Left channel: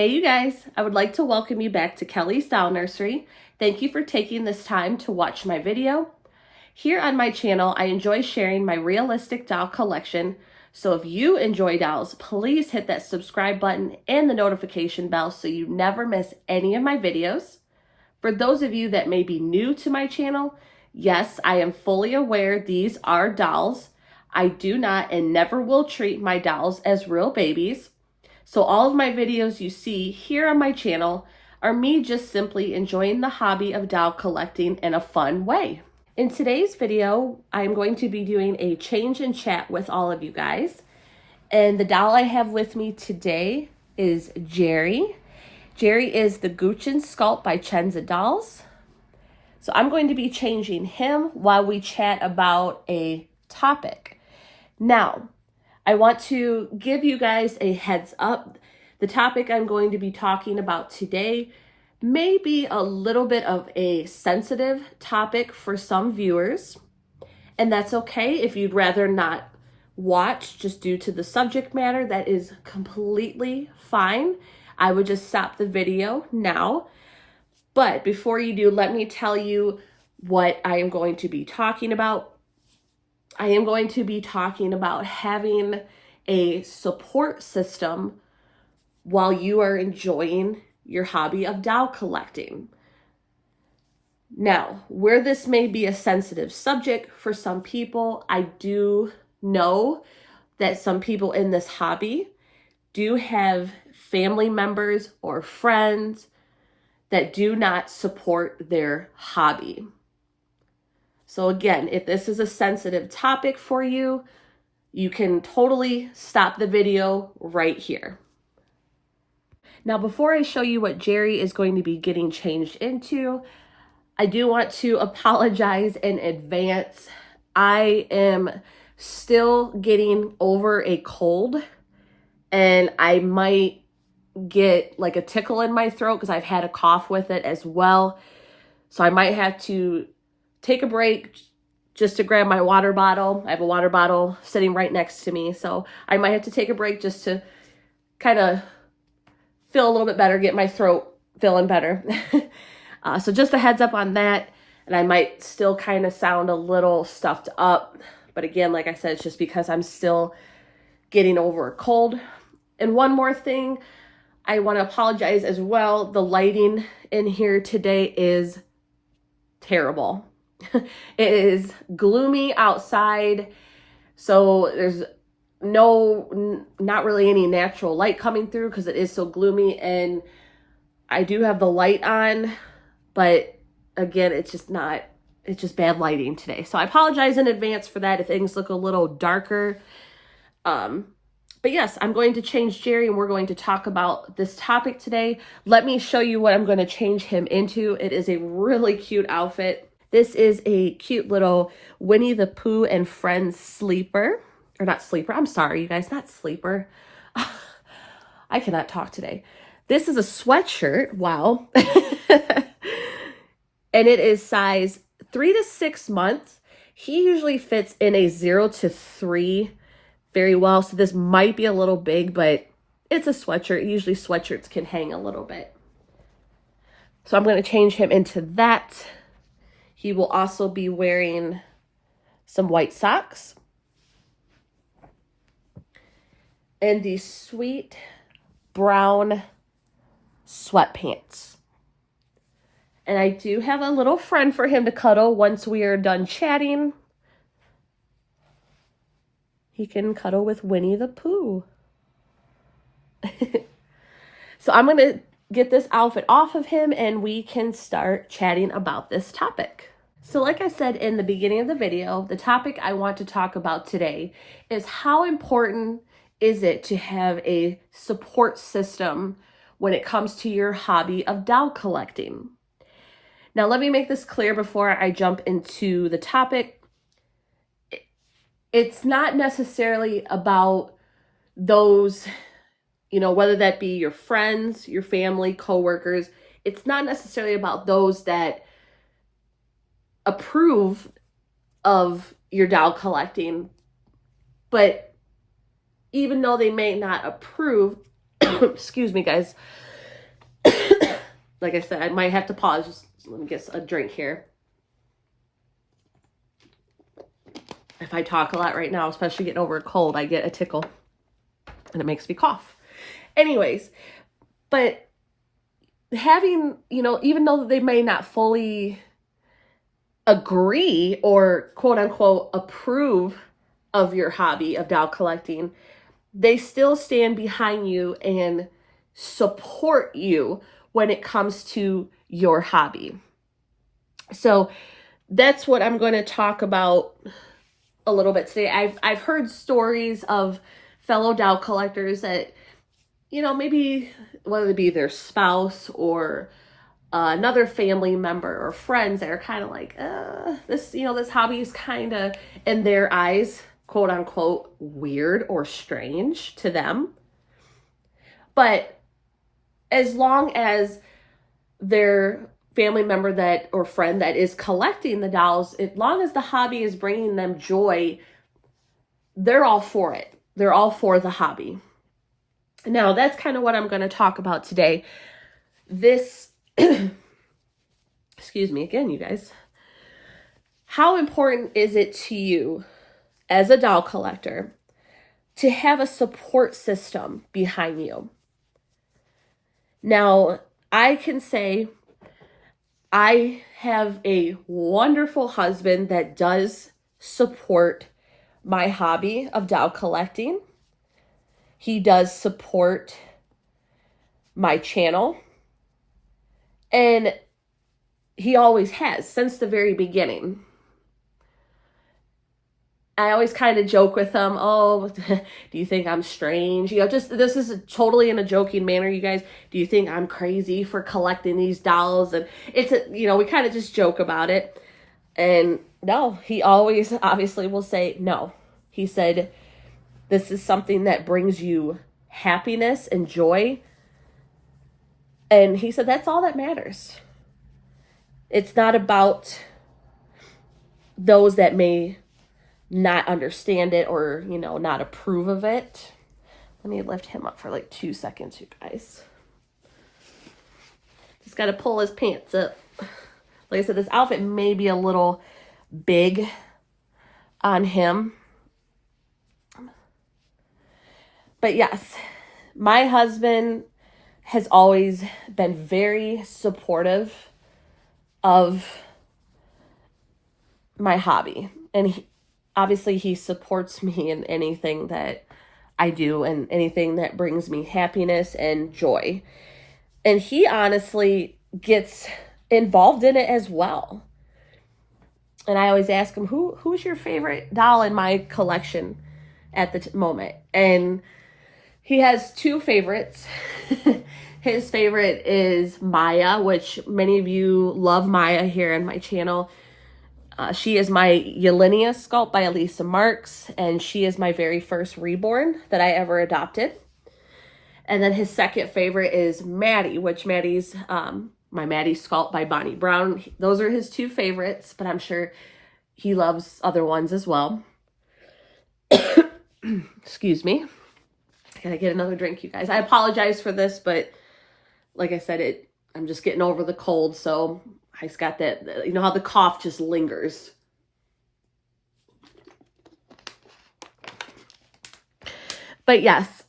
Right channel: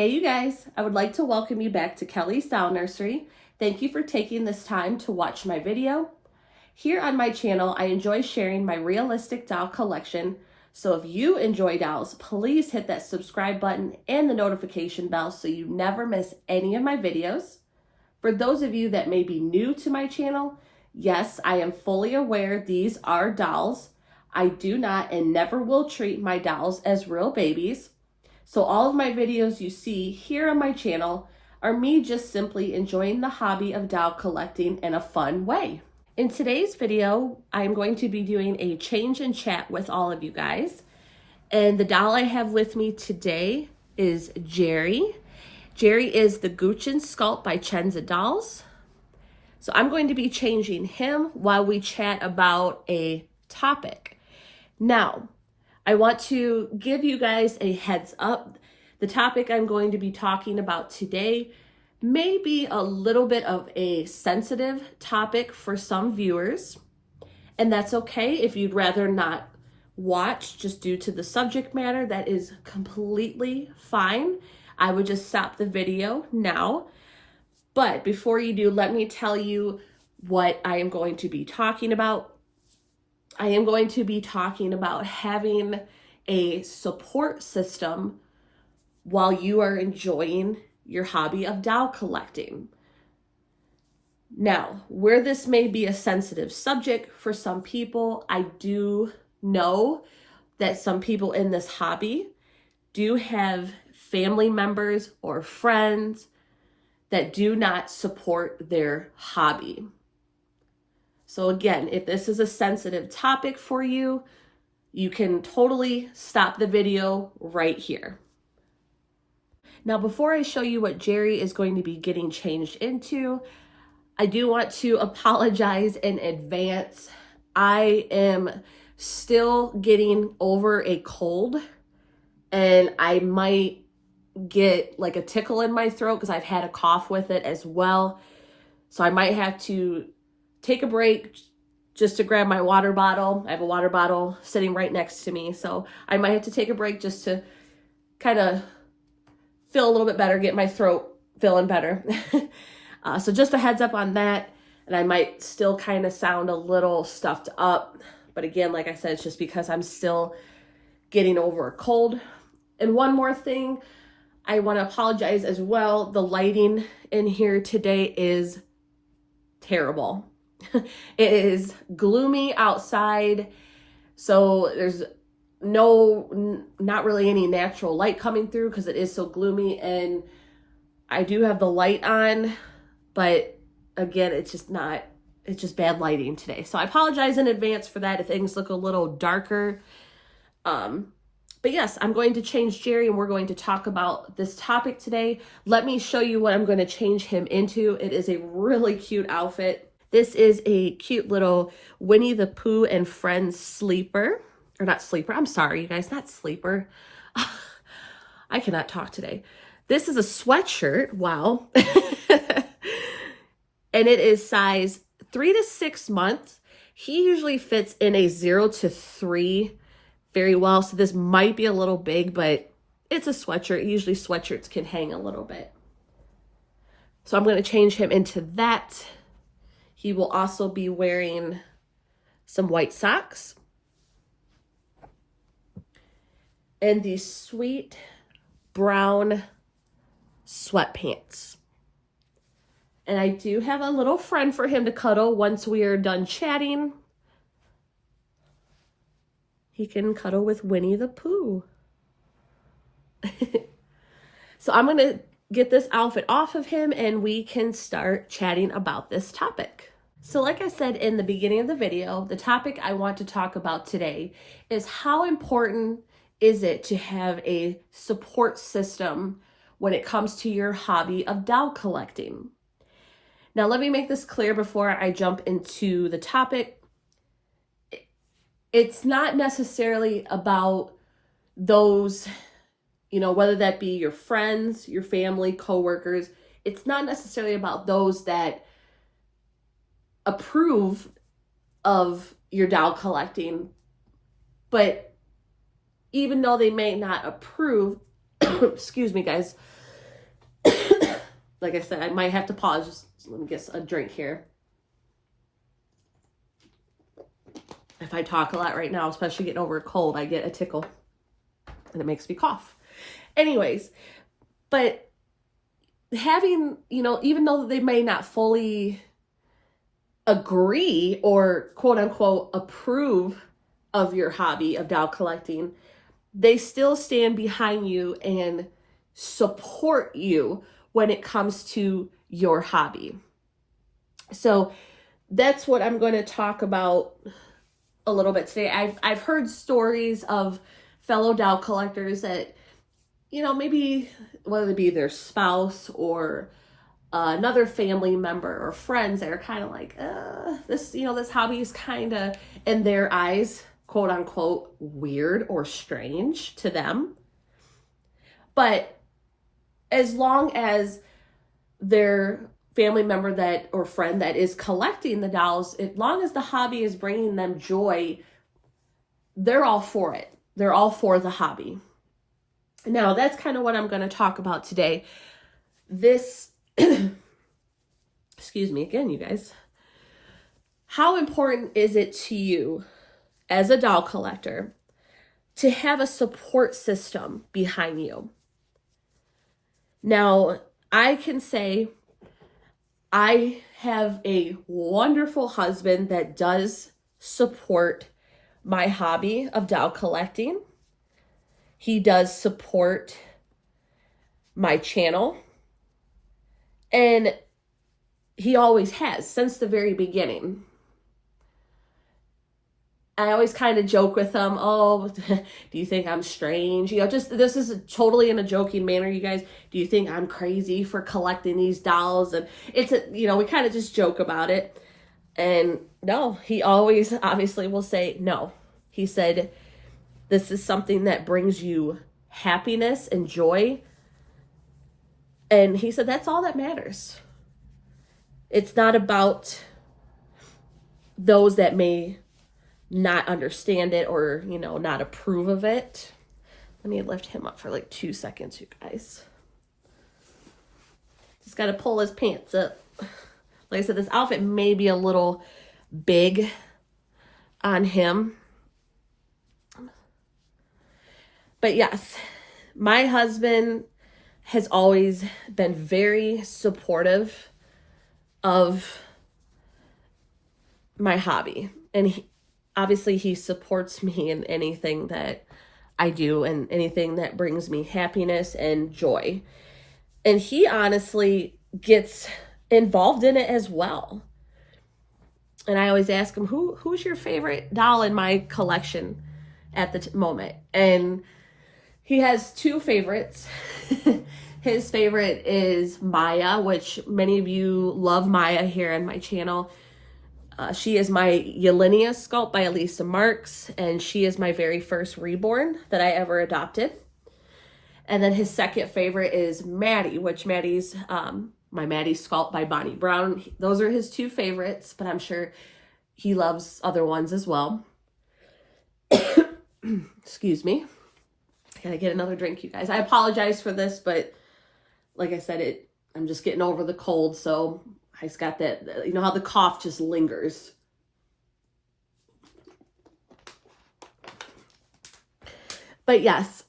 Hey you guys, I would like to welcome you back to Kelly's Doll Nursery. Thank you for taking this time to watch my video. Here on my channel, I enjoy sharing my realistic doll collection. So if you enjoy dolls, please hit that subscribe button and the notification bell so you never miss any of my videos. For those of you that may be new to my channel, yes, I am fully aware these are dolls. I do not and never will treat my dolls as real babies. So all of my videos you see here on my channel are me just simply enjoying the hobby of doll collecting in a fun way. In today's video, I'm going to be doing a change in chat with all of you guys. And the doll I have with me today is Jerry. Jerry is the Gucci Sculpt by Chenza Dolls. So I'm going to be changing him while we chat about a topic. Now, I want to give you guys a heads up. The topic I'm going to be talking about today may be a little bit of a sensitive topic for some viewers, and that's okay if you'd rather not watch just due to the subject matter. That is completely fine. I would just stop the video now. But before you do, let me tell you what I am going to be talking about. I am going to be talking about having a support system while you are enjoying your hobby of doll collecting. Now, where this may be a sensitive subject for some people, I do know that some people in this hobby do have family members or friends that do not support their hobby. So again, if this is a sensitive topic for you, you can totally stop the video right here. Now, before I show you what Jerry is going to be getting changed into, I do want to apologize in advance. I am still getting over a cold, and I might get like a tickle in my throat because I've had a cough with it as well. So I might have to take a break just to grab my water bottle. I have a water bottle sitting right next to me. So I might have to take a break just to kind of feel a little bit better, get my throat feeling better. So just a heads up on that. And I might still kind of sound a little stuffed up. But again, like I said, it's just because I'm still getting over a cold. And one more thing, I want to apologize as well. The lighting in here today is terrible. It is gloomy outside, so there's not really any natural light coming through because it is so gloomy, and I do have the light on, but again, it's just bad lighting today. So I apologize in advance for that if things look a little darker. But yes, I'm going to change Jerry, and we're going to talk about this topic today. Let me show you what I'm going to change him into. It is a really cute outfit. This is a cute little Winnie the Pooh and Friends sleeper. Or not sleeper, I'm sorry, you guys, not sleeper. I cannot talk today. This is a sweatshirt, wow. And it is size 3 to 6 months. He usually fits in a 0 to 3 very well, so this might be a little big, but it's a sweatshirt. Usually sweatshirts can hang a little bit. So I'm going to change him into that. He will also be wearing some white socks and these sweet brown sweatpants. And I do have a little friend for him to cuddle once we are done chatting. He can cuddle with Winnie the Pooh. So I'm going to get this outfit off of him and we can start chatting about this topic. So like I said in the beginning of the video, the topic I want to talk about today is how important is it to have a support system when it comes to your hobby of doll collecting. Now, let me make this clear before I jump into the topic. It's not necessarily about those, whether that be your friends, your family, coworkers. It's not necessarily about those that approve of your doll collecting, but even though they may not approve, excuse me guys, Like I said, I might have to pause. Just let me get a drink here. If I talk a lot right now, especially getting over a cold, I get a tickle and it makes me cough. Anyways, but having, even though they may not fully agree or quote unquote approve of your hobby of doll collecting, they still stand behind you and support you when it comes to your hobby. So that's what I'm going to talk about a little bit today. I've heard stories of fellow doll collectors that, maybe whether it be their spouse or another family member or friends that are kind of like, this hobby is kind of, in their eyes, quote unquote, weird or strange to them. But as long as their family member that or friend that is collecting the dolls, as long as the hobby is bringing them joy, they're all for it. They're all for the hobby. Now, that's kind of what I'm going to talk about today. This, excuse me again, you guys. How important is it to you as a doll collector to have a support system behind you? Now, I can say I have a wonderful husband that does support my hobby of doll collecting. He does support my channel, and he always has since the very beginning. I always kind of joke with him, oh, do you think I'm strange? Just this is totally in a joking manner, you guys. Do you think I'm crazy for collecting these dolls? And it's, we kind of just joke about it. And no, he always obviously will say no. He said, this is something that brings you happiness and joy. And he said, that's all that matters. It's not about those that may not understand it or, not approve of it. Let me lift him up for like 2 seconds, you guys. Just got to pull his pants up. Like I said, this outfit may be a little big on him. But yes, my husband has always been very supportive of my hobby. And obviously he supports me in anything that I do and anything that brings me happiness and joy. And he honestly gets involved in it as well. And I always ask him, who's your favorite doll in my collection at the moment? And he has two favorites. His favorite is Maya, which many of you love Maya here on my channel. She is my Yelenia sculpt by Elisa Marks, and she is my very first reborn that I ever adopted. And then his second favorite is Maddie, which Maddie's my Maddie sculpt by Bonnie Brown. Those are his two favorites, but I'm sure he loves other ones as well. Excuse me. Gotta get another drink, you guys. I apologize for this, but like I said, I'm just getting over the cold, so I just got that, how the cough just lingers. But yes,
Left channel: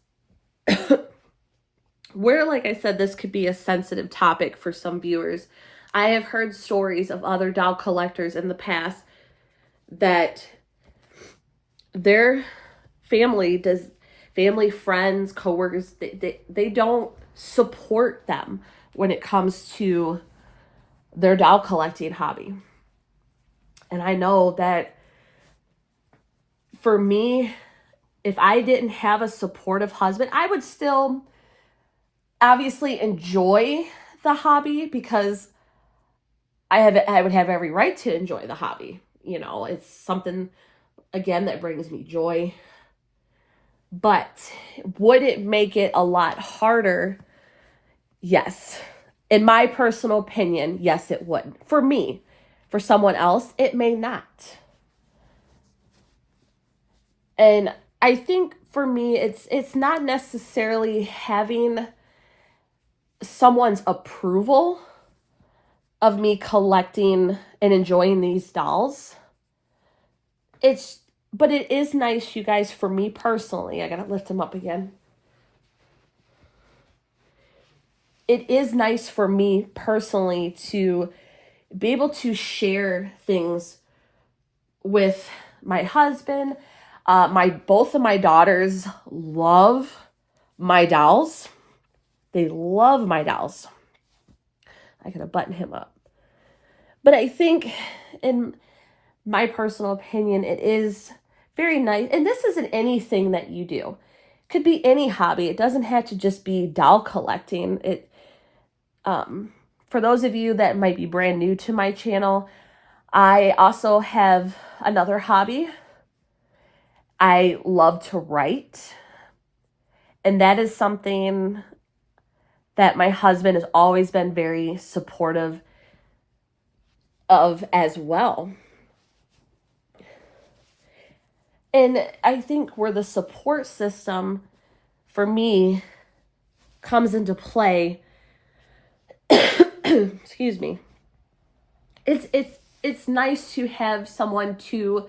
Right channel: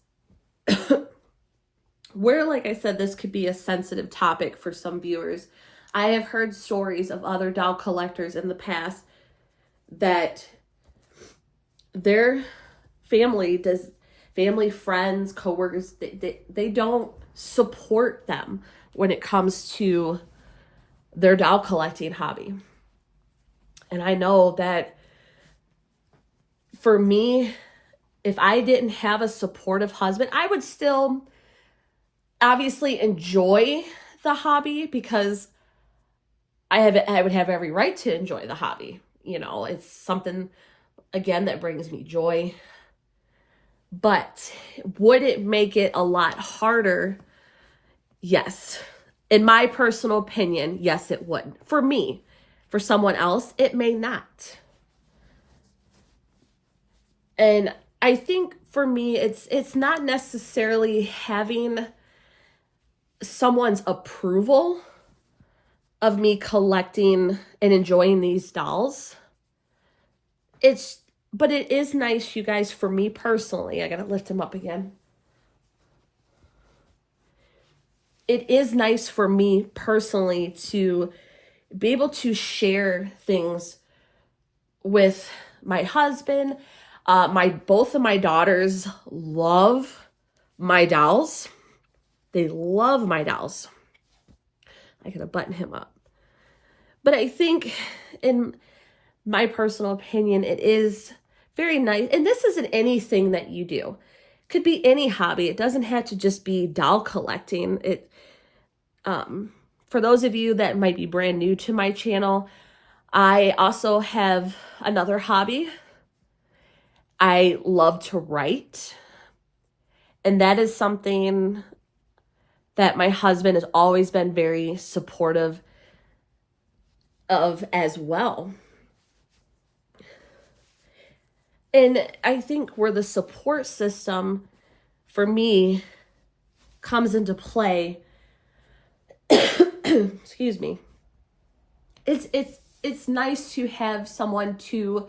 where, like I said, this could be a sensitive topic for some viewers. I have heard stories of other doll collectors in the past that their family, friends, coworkers, they don't support them when it comes to their doll collecting hobby. And I know that for me, if I didn't have a supportive husband, I would still obviously enjoy the hobby because I would have every right to enjoy the hobby. It's something, again, that brings me joy. But would it make it a lot harder? Yes. In my personal opinion, yes, it would. For me, for someone else, it may not. And I think for me, it's not necessarily having someone's approval of me collecting and enjoying these dolls. But it is nice, you guys, for me personally. I gotta lift him up again. It is nice for me personally to be able to share things with my husband. Both of my daughters love my dolls. They love my dolls. I gotta button him up. But I think, in my personal opinion, it is very nice. And this isn't anything that you do. It could be any hobby. It doesn't have to just be doll collecting. For those of you that might be brand new to my channel, I also have another hobby. I love to write. And that is something that my husband has always been very supportive of as well. And I think where the support system for me comes into play, excuse me, it's nice to have someone to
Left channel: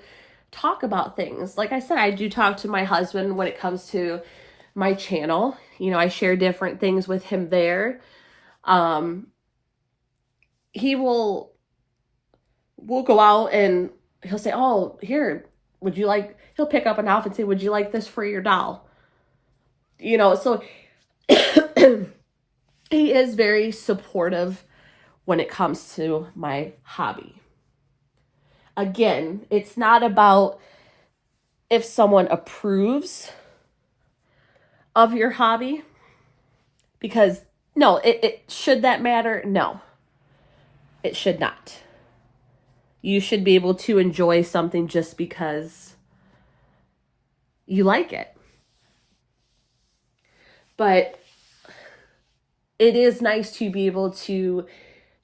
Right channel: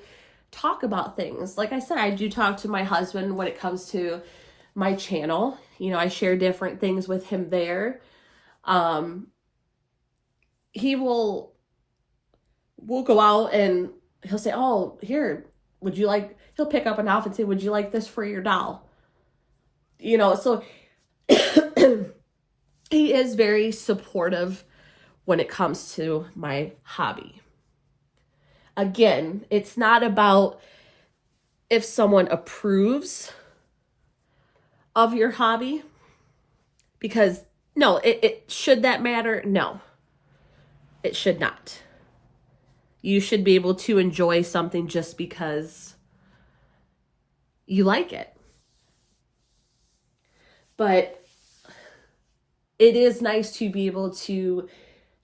talk about things. Like I said, I do talk to my husband when it comes to my channel. I share different things with him there. We'll go out and he'll say, oh, here, he'll pick up an outfit and say, would you like this for your doll? So he is very supportive when it comes to my hobby. Again, it's not about if someone approves of your hobby, because no, it should that matter? No, it should not. You should be able to enjoy something just because you like it. But it is nice to be able to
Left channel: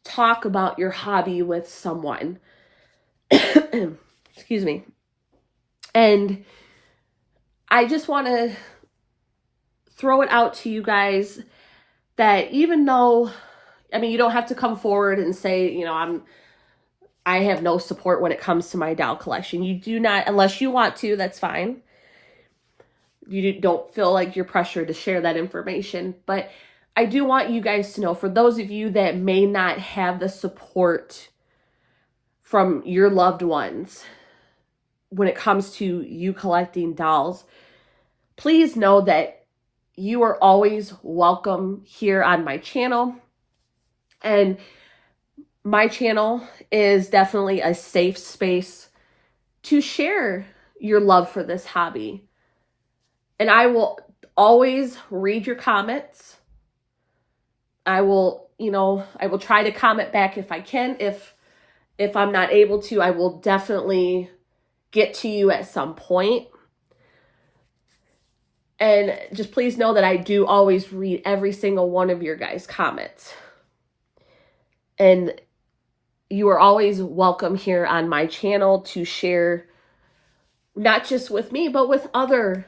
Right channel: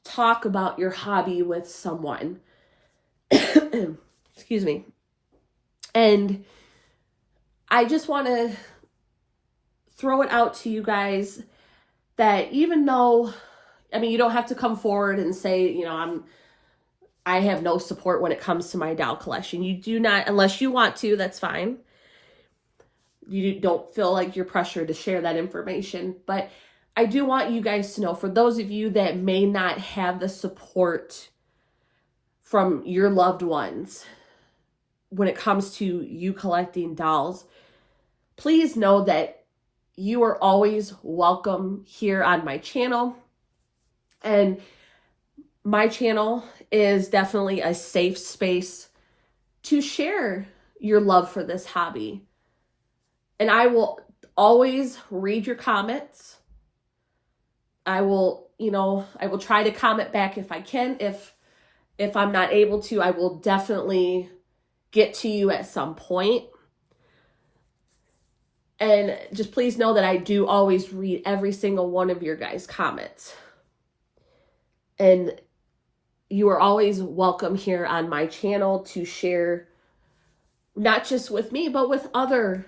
talk about your hobby with someone. Excuse me. And I just want to throw it out to you guys that even though, you don't have to come forward and say, I have no support when it comes to my doll collection. You do not, unless you want to, that's fine. You don't feel like you're pressured to share that information. But I do want you guys to know, for those of you that may not have the support from your loved ones when it comes to you collecting dolls, please know that you are always welcome here on my channel. And my channel is definitely a safe space to share your love for this hobby. And I will always read your comments. I will try to comment back if I can. If I'm not able to, I will definitely get to you at some point. And just please know that I do always read every single one of your guys' comments. And you are always welcome here on my channel to share, not just with me, but with other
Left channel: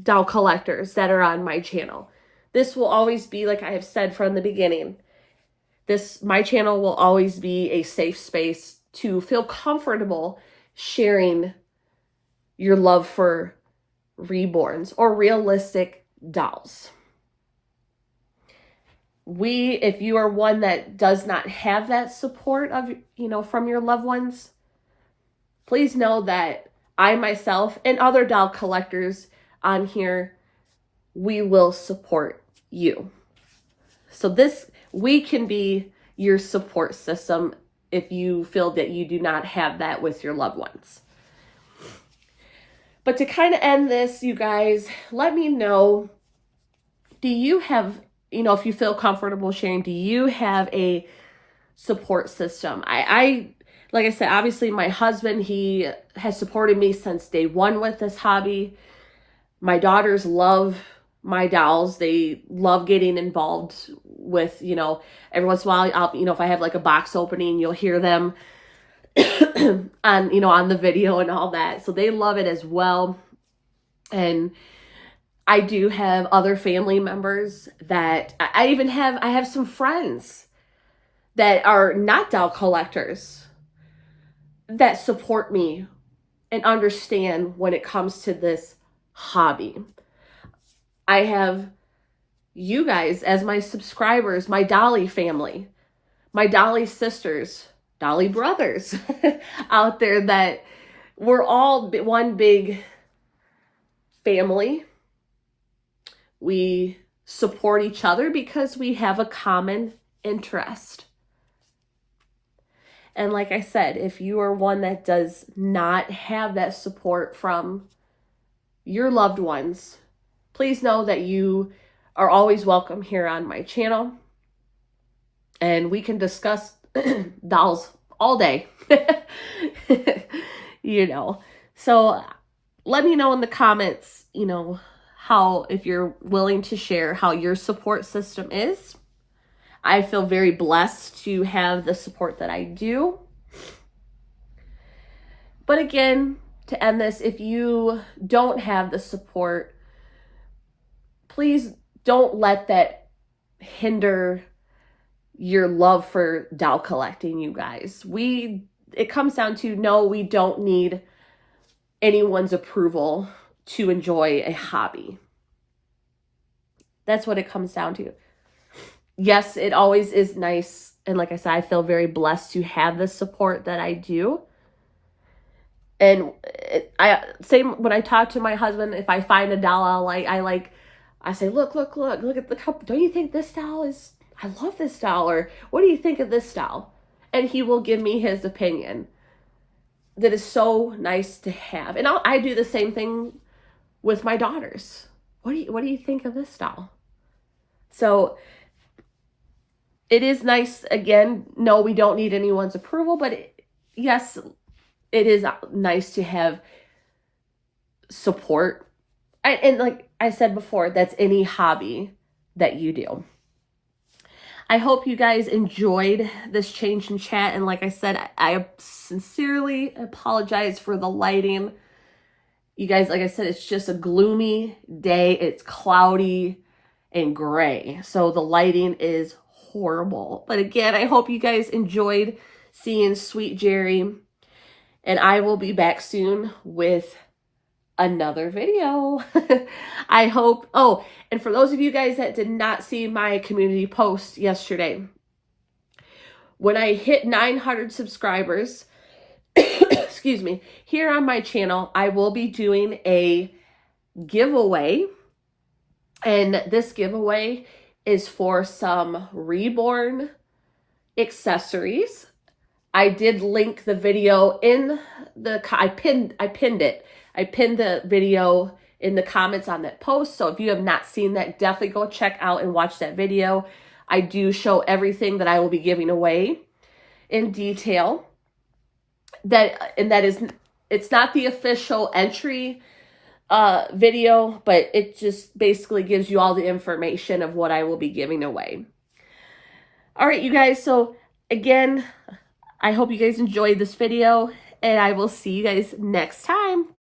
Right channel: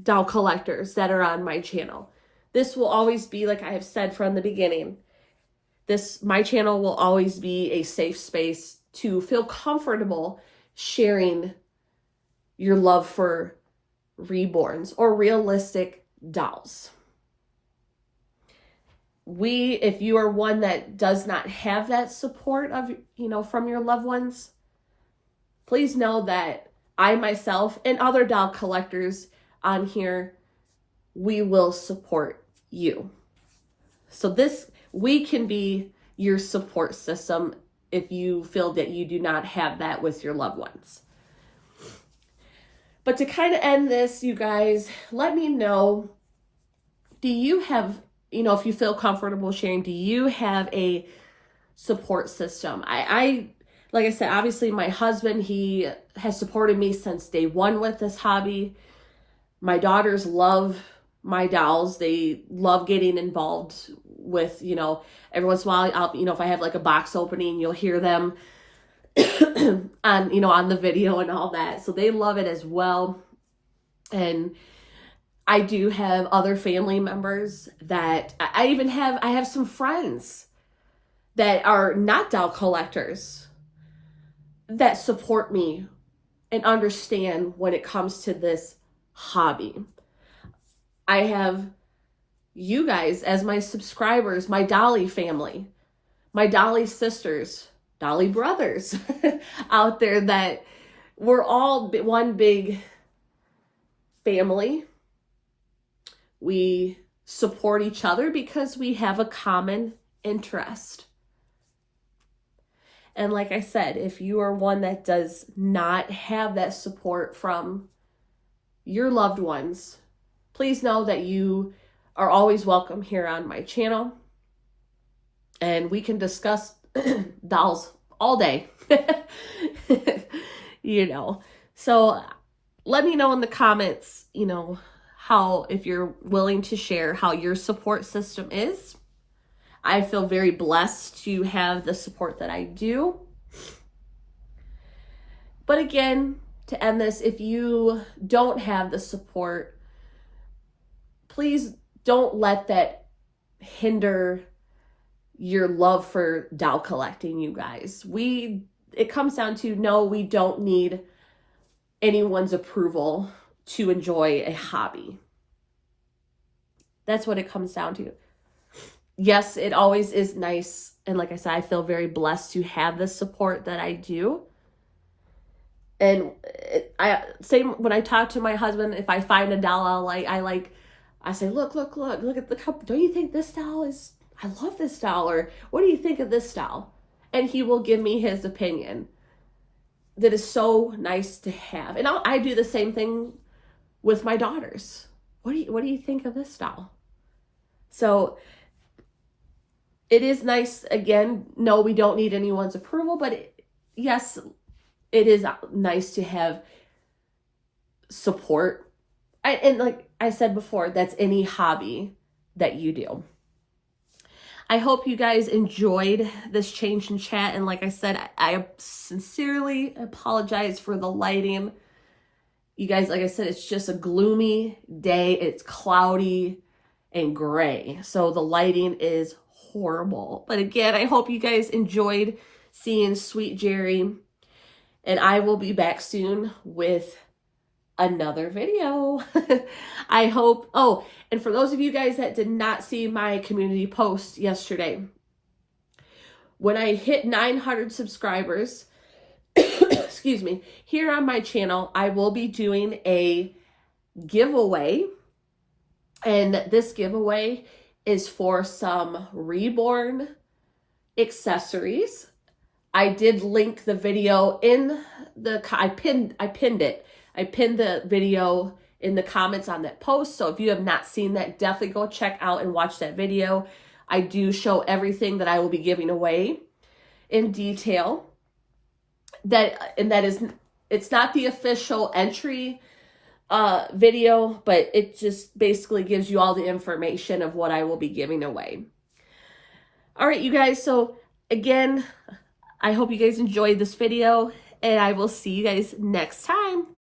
doll collectors that are on my channel. This will always be, like I have said from the beginning, my channel will always be a safe space to feel comfortable sharing your love for reborns or realistic dolls. If you are one that does not have that support from your loved ones, please know that I myself and other doll collectors on here, we will support you. So we can be your support system if you feel that you do not have that with your loved ones. But to kind of end this, you guys, let me know, do you have, if you feel comfortable sharing, do you have a support system? Like I said, obviously my husband, he has supported me since day one with this hobby. My daughters love my dolls. They love getting involved with, every once in a while, if I have like a box opening, you'll hear them on the video and all that. So they love it as well. And I do have other family members that I have some friends that are not doll collectors that support me and understand when it comes to this hobby. I have you guys as my subscribers, my Dolly family, my Dolly sisters, Dolly brothers out there, that we're all one big family. We support each other because we have a common interest. And like I said, if you are one that does not have that support from your loved ones, please know that you are always welcome here on my channel. And we can discuss dolls all day. You know. So let me know in the comments, you know, how, if you're willing to share how your support system is. I feel very blessed to have the support that I do. But again, to end this, if you don't have the support, please don't let that hinder your love for doll collecting, you guys. It comes down to, no, we don't need anyone's approval to enjoy a hobby. That's what it comes down to. Yes, it always is nice. And like I said, I feel very blessed to have the support that I do. And same when I talk to my husband, if I find a doll I say, look at the cup. Don't you think this doll is, I love this doll, or what do you think of this doll? And he will give me his opinion. That is so nice to have. And I do the same thing with my daughters. What do you think of this doll? So it is nice. Again, no, we don't need anyone's approval, but yes, it is nice to have support. And like I said before, that's any hobby that you do. I hope you guys enjoyed this change in chat. And like I said, I sincerely apologize for the lighting. You guys, like I said, it's just a gloomy day. It's cloudy and gray. So the lighting is horrible. But again, I hope you guys enjoyed seeing Sweet Jerry. And I will be back soon with another video. I hope. Oh, and for those of you guys that did not see my community post yesterday, when I hit 900 subscribers, excuse me, here on my channel, I will be doing a giveaway. And this giveaway is for some Reborn accessories. I did link the video in the, I pinned it. I pinned the video in the comments on that post. So if you have not seen that, definitely go check out and watch that video. I do show everything that I will be giving away in detail. It's not the official entry video, but it just basically gives you all the information of what I will be giving away. All right, you guys. So again, I hope you guys enjoyed this video, and I will see you guys next time.